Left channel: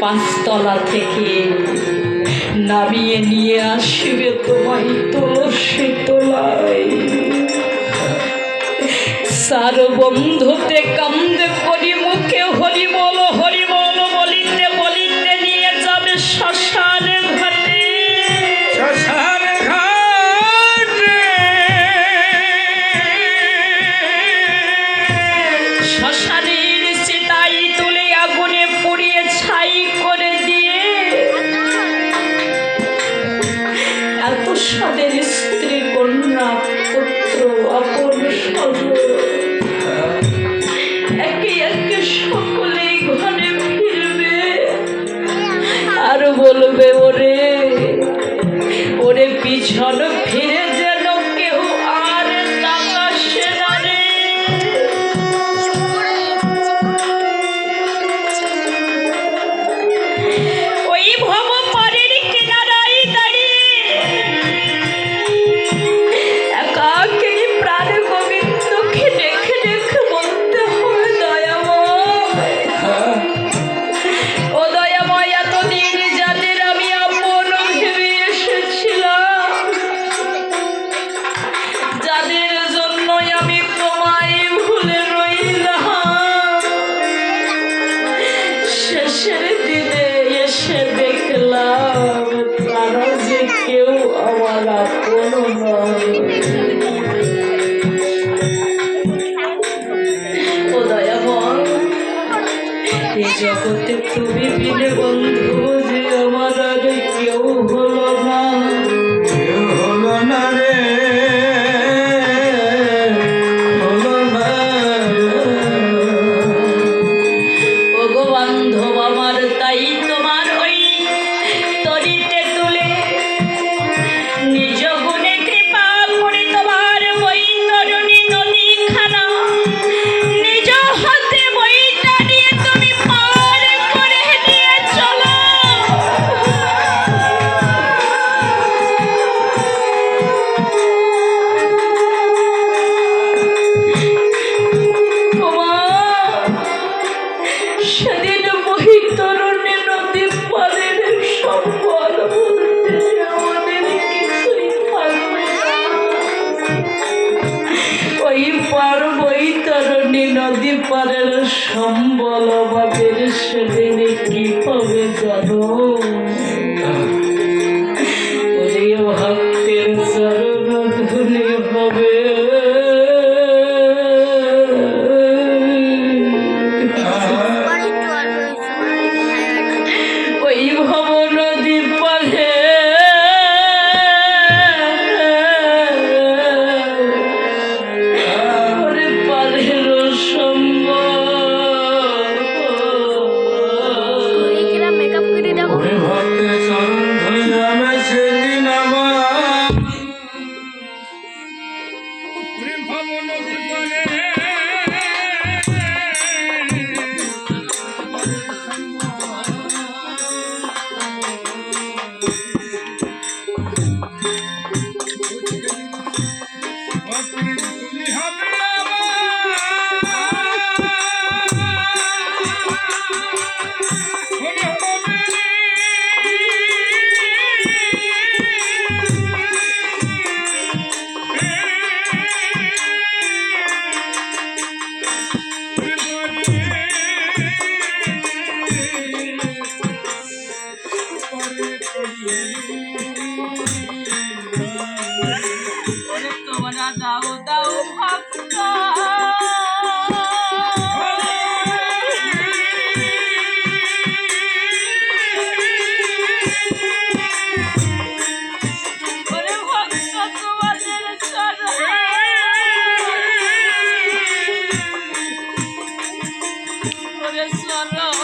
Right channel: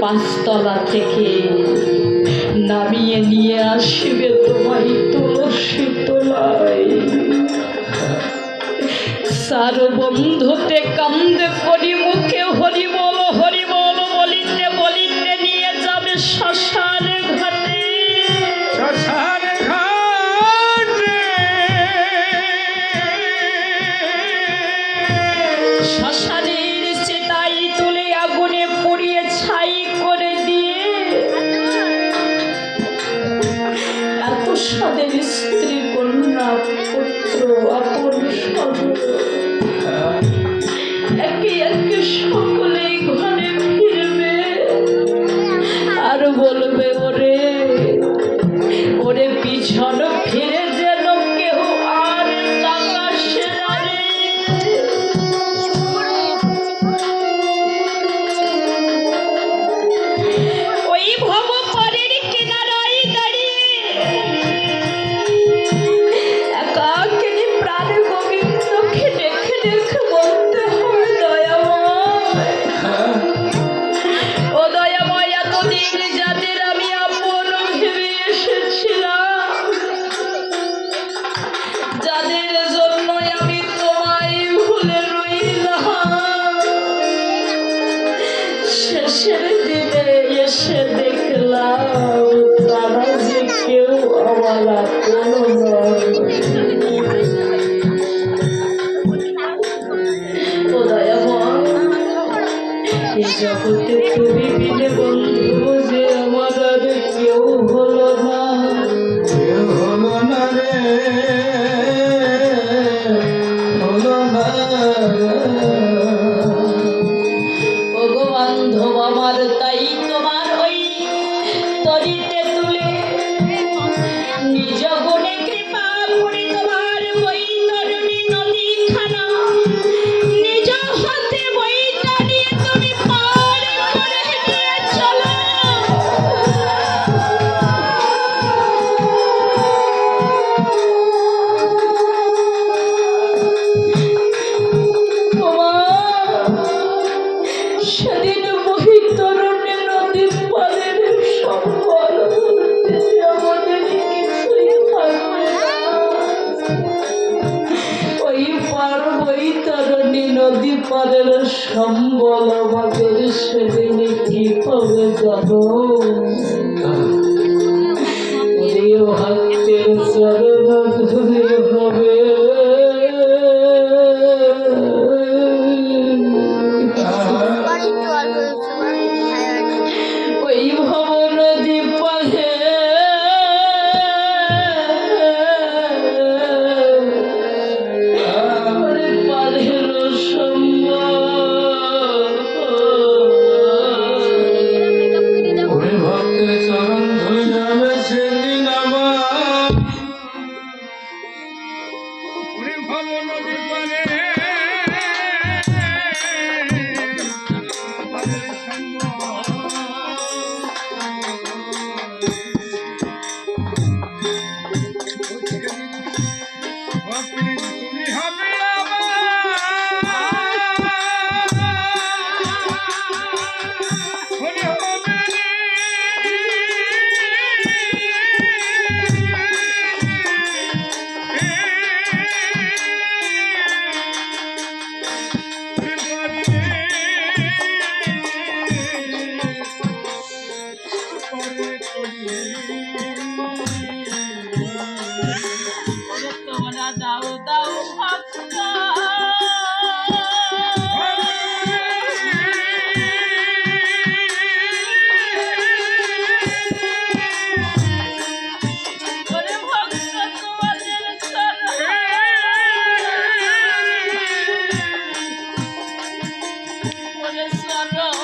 পাঁচতলা থেকে নামিয়ে নিয়ে আসবে তোমায় তুলসী তলায়। সার বন্ধুতে কান্দে করি মুখে হরি বল বলিতে বলিতে নিয়ে যাবে শ্মশানে ঘাটে। শ্মশানের চিতাই তুলে আগুনে পুড়িয়ে ছাই করে দিয়ে এত সাদের স্ত্রী কন্যা পুত্র আপন একে একে সকলেই ঘরে ফিরবে আর বলবে ওরে ওরে পিছন ফিরে যেন কেউ আর তাকাসে না রে। ওই ভব পারের কিনারায় দাঁড়িয়ে একাকে প্রাণ গোবিন্দকে দেখে দেখে বলতে হয় দয়াময়, ও দয়াময় এতদিন যাদের আমি আপন ভেবে এসেছিলাম, যাদের জন্য আমি তোমায় ভুলে রইলাম, শেষের দিনে এসে দেখলাম তারা যে কেউ আমার আপন নয়। ও দয়াময়, এই জগতে তুমি বিনে বন্ধু যে আমার আর কেউ হলো না, কেউ হলো না রে, হলো না। ও গো বান্ধব আমার, তাই তোমার ওই তরিতে তুলে নিজ গুণে কৃপা করে তোমার ওই তরুণী নদীখানা নিজ হাতে বইটা নিয়ে তুমি পার করে নিয়ে চলো। ওমা, সেদিন বৈতরণী নদী পারের সম্বল বলতে যে আমাদের কিছুই থাকবে না। ওই পার বৈতরণী নদী পারের সম্বল আমাদের সেদিনে কি হবে জানো? ওই ভক্তের চরণ ধুলি হবে। ওই ভব নদী পারে ওরে পারের সম্বল ওরে ভক্তের চরণ ধুলি হবে সেদিন আমার। ওরে ভব নদী পারে তোমরা দাও দাও ভক্ত ওরে ভক্ত তোমাদের চরণে ওরে চরণ